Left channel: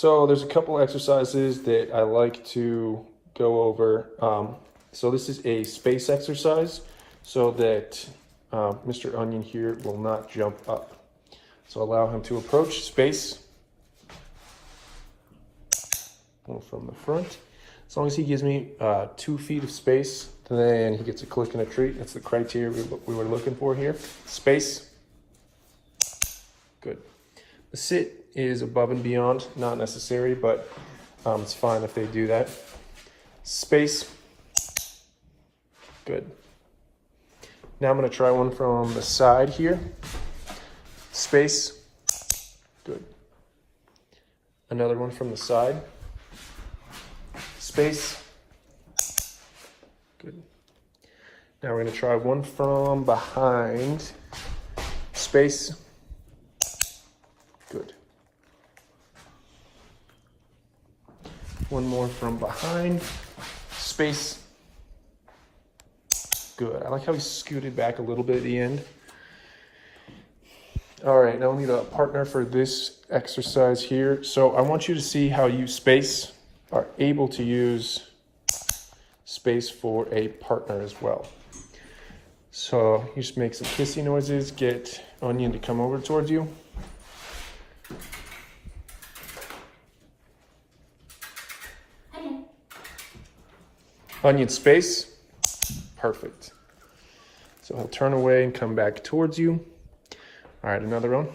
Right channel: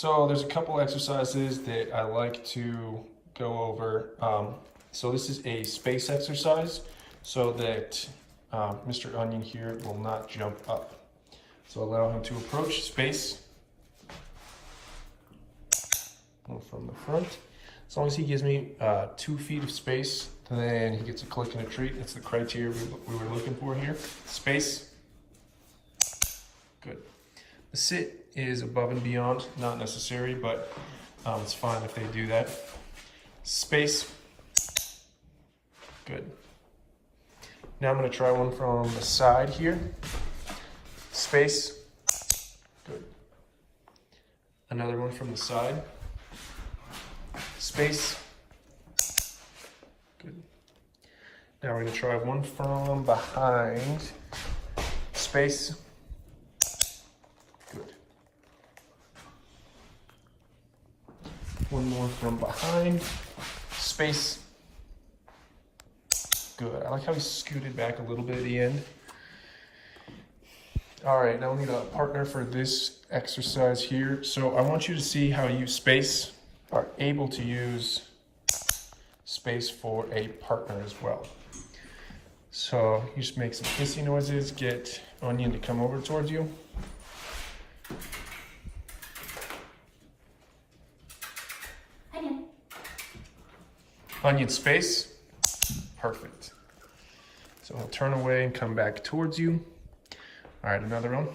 So there's a couple exercises that I like to go over. So this is a space exercise so that Mr. Onion here will not jump up. So allow him to approach space. From the front. As long as he gives me 2 feet of space, then he gets a click and a treat. That's the criteria we were looking for here. Space. Good. The sit is above and beyond, not necessary, but it's fine if they do that. Space. Good. Now I'm going to try one from the side here. Space. Good. Another one from the side. Space. Good. Now we're going to try one from behind. Space. Good. One more from behind. Space. Good. I like how he scooted back a little bit at the end. All right, now we need a partner for this exercise here. So I want you to see how you space are able to use space for a partner as well. So you just make some kissy noises, get Onion to come over towards you. Onion space, perfect. So we'll turn away and come back towards you. All right, another one.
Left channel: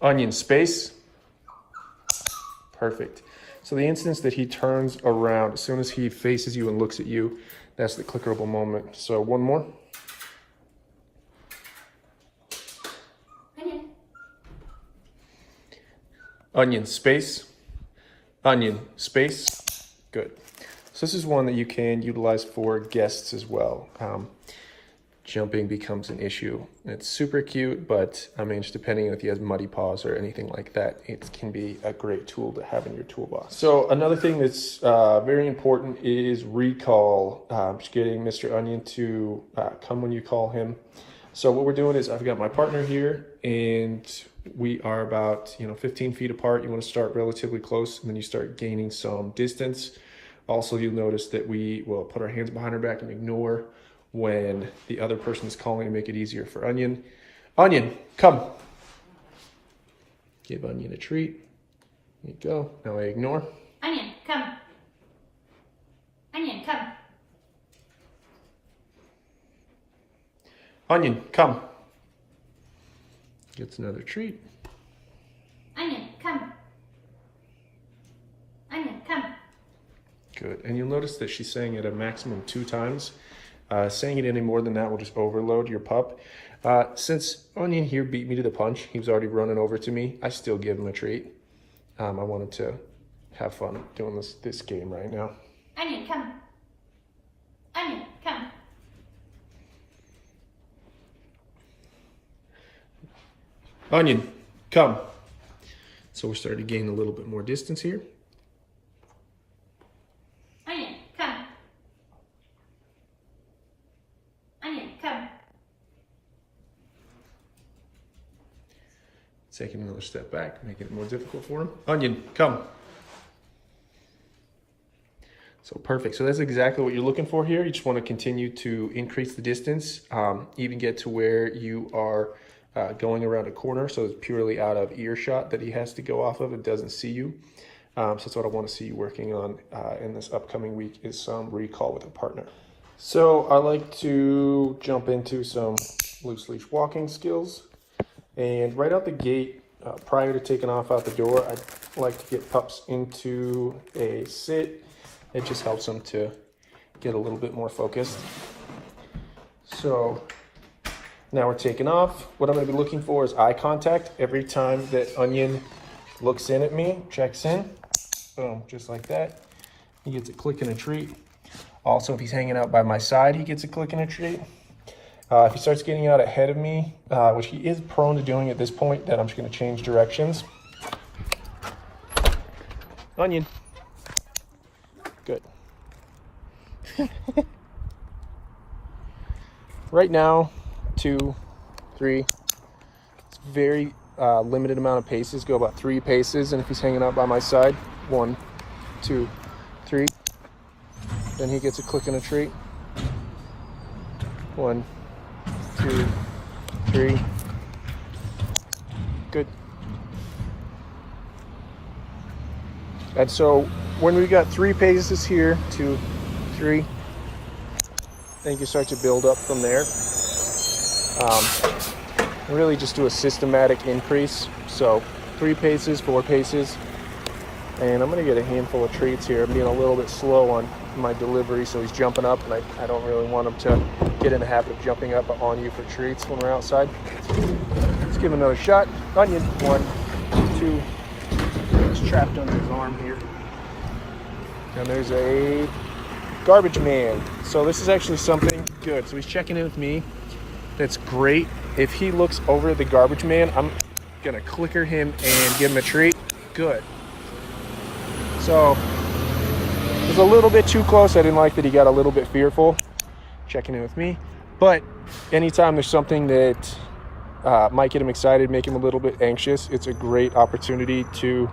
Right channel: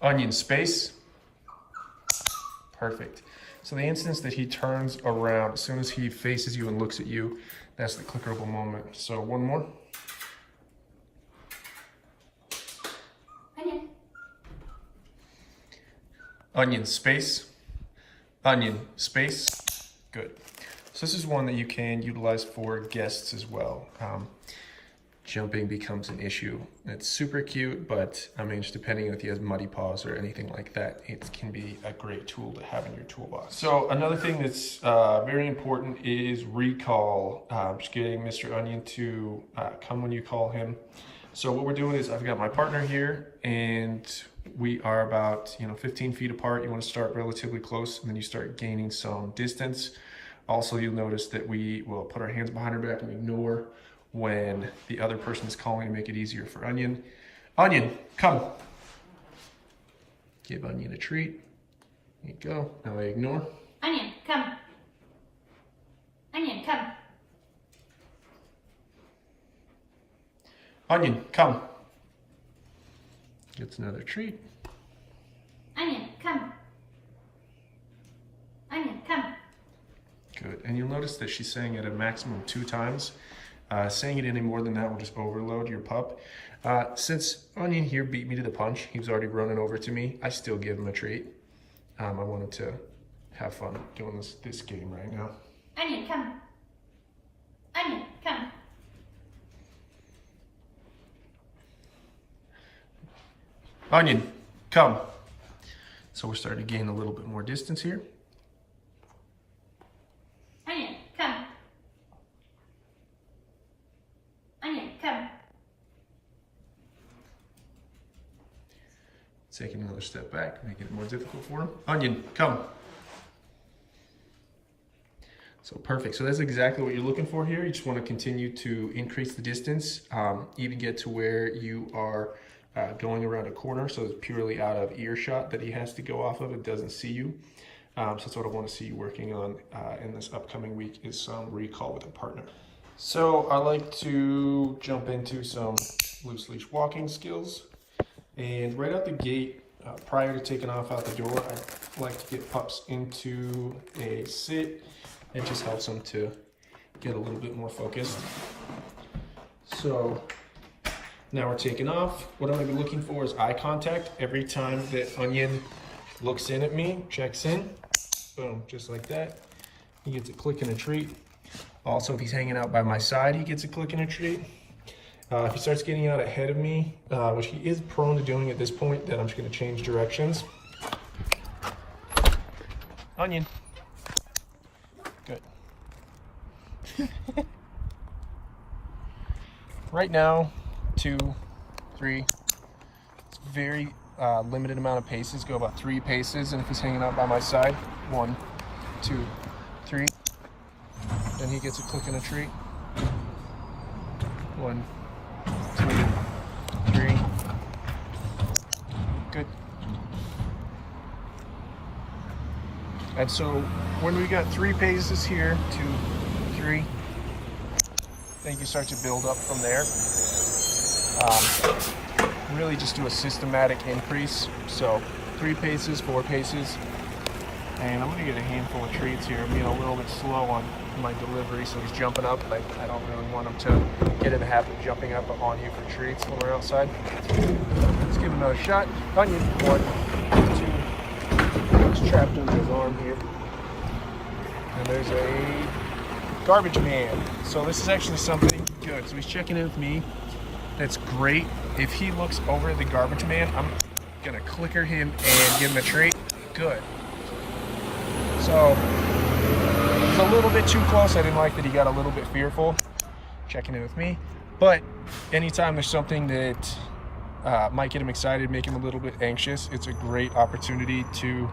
Onion space. Perfect. So the instance that he turns around, as soon as he faces you and looks at you, that's the clickable moment. So one more. Onion. Onion space. Onion space. Good. So this is one that you can utilize for guests as well. Jumping becomes an issue. It's super cute, but I mean, just depending if he has muddy paws or anything like that, it can be a great tool to have in your toolbox. So another thing that's very important is recall. Just getting Mr. Onion to come when you call him. So what we're doing is I've got my partner here and we are about 15 feet apart. You want to start relatively close and then you start gaining some distance. Also, you'll notice that we will put our hands behind our back and ignore when the other person is calling to make it easier for Onion. Onion, come. Give Onion a treat. There you go. Now I ignore. Onion, come. Onion, come. Onion, come. Gets another treat. Onion, come. Onion, come. Good. And you'll notice that she's saying it a maximum of 2 times. Saying it any more than that will just overload your pup. Since Onion here beat me to the punch, he was already running over to me, I still give him a treat. I wanted to have fun doing this game right now. Onion, come. Onion, come. Onion, come. So we're starting to gain a little bit more distance here. Onion, come. Onion, come. Taking another step back, making it more difficult for him. Onion, come. So perfect. So that's exactly what you're looking for here. You just want to continue to increase the distance, even get to where you are going around a corner. So it's purely out of earshot that he has to go off of. It doesn't see you. So that's what I want to see you working on in this upcoming week is some recall with a partner. So I like to jump into some loose leash walking skills. And right out the gate, prior to taking off out the door, I like to get pups into a sit. It just helps them to get a little bit more focused. So now we're taking off. What I'm gonna be looking for is eye contact. Every time that Onion looks in at me, checks in, boom, just like that. He gets a click and a treat. Also, if he's hanging out by my side, he gets a click and a treat. If he starts getting out ahead of me, which he is prone to doing at this point, then I'm just gonna change directions. Onion. Good. Right now, 2, 3, it's very limited amount of paces, go about 3 paces, and if he's hanging out by my side, 1, 2, 3, then he gets a click and a treat. 1, 2, 3. Good. And so when we got 3 paces here, 2, 3, I think you start to build up from there. Really just do a systematic increase. So 3 paces, 4 paces. And I'm gonna get a handful of treats here. I'm being a little bit slow on my delivery, so he's jumping up, but I don't really want him to get in the habit of jumping up on you for treats when we're outside. Let's give him another shot. Onion. 2. It's trapped under his arm here. And there's a garbage man. So this is actually something good. So he's checking in with me. That's great. If he looks over at the garbage man, I'm gonna clicker him and give him a treat. Good. So it was a little bit too close. I didn't like that he got a little bit fearful checking in with me. But anytime there's something that might get him excited, make him a little bit anxious, it's a great opportunity to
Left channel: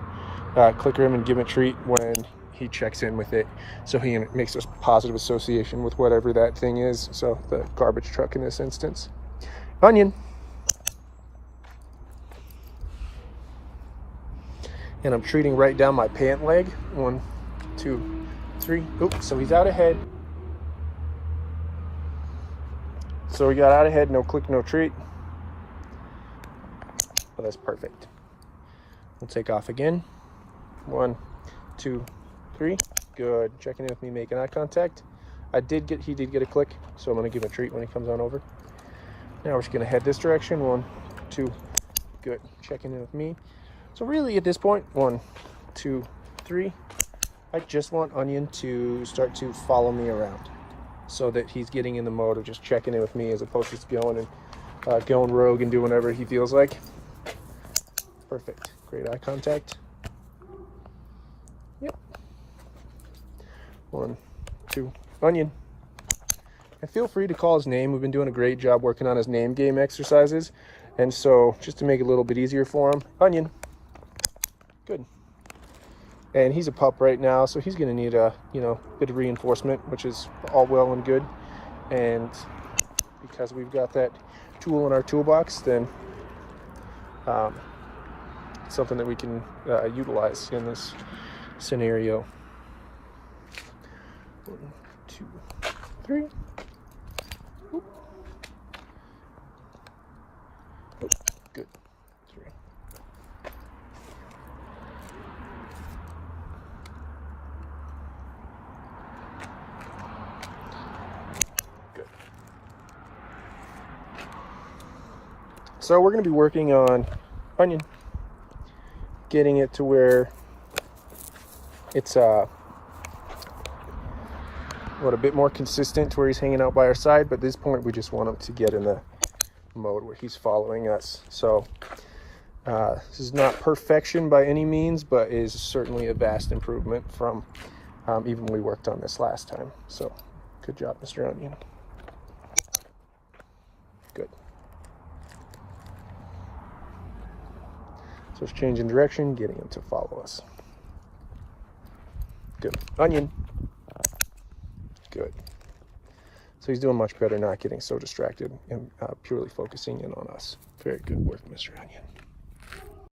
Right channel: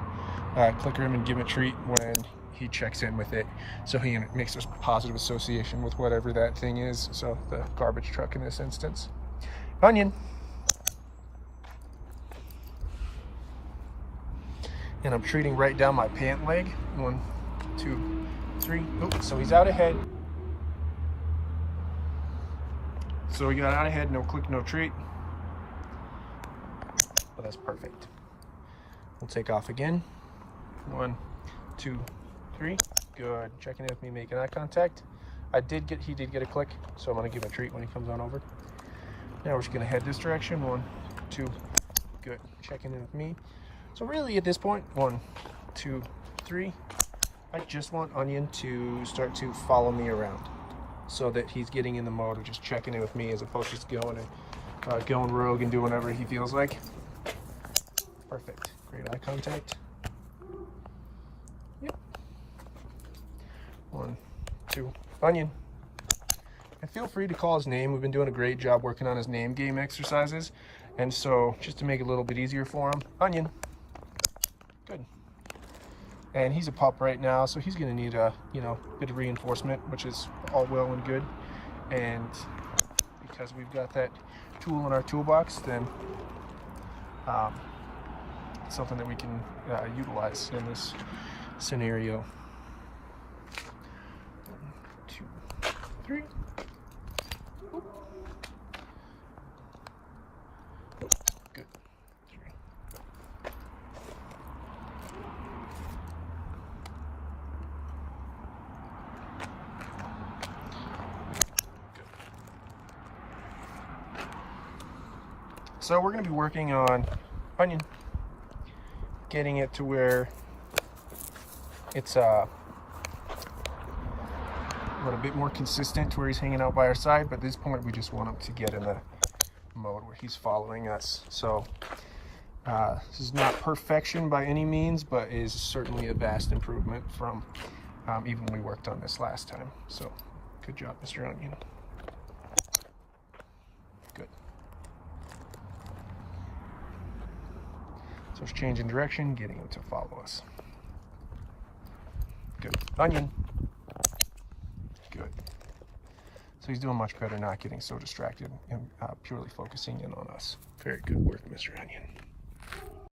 clicker him and give him a treat when he checks in with it, so he makes a positive association with whatever that thing is. So the garbage truck in this instance. Onion. And I'm treating right down my pant leg. 1, 2, 3. Oops, so he's out ahead. So we got out ahead, no click, no treat. Well, that's perfect. We'll take off again. 1, 2, 3. Good. Checking in with me, making eye contact. He did get a click, so I'm gonna give him a treat when he comes on over. Now we're just gonna head this direction. 1, 2. Good. Checking in with me. So really at this point, 1, 2, 3. I just want Onion to start to follow me around, so that he's getting in the mode of just checking in with me, as opposed to just going rogue and doing whatever he feels like. Perfect. Great eye contact. Yep. 1, 2, Onion. And feel free to call his name. We've been doing a great job working on his name game exercises. And so just to make it a little bit easier for him, Onion. Good. And he's a pup right now, so he's gonna need a bit of reinforcement, which is all well and good. And because we've got that tool in our toolbox, then it's something that we can utilize in this scenario. 1, 2, 3. Good. 3. Good. So we're going to be working on Onion, getting it to where it's a bit more consistent to where he's hanging out by our side, but at this point we just want him to get in the mode where he's following us. So this is not perfection by any means, but is certainly a vast improvement from even when we worked on this last time. So good job, Mr. Onion. Good. So it's changing direction, getting him to follow us. Good. Onion. Good. So he's doing much better, not getting so distracted and purely focusing in on us. Very good work, Mr. Onion.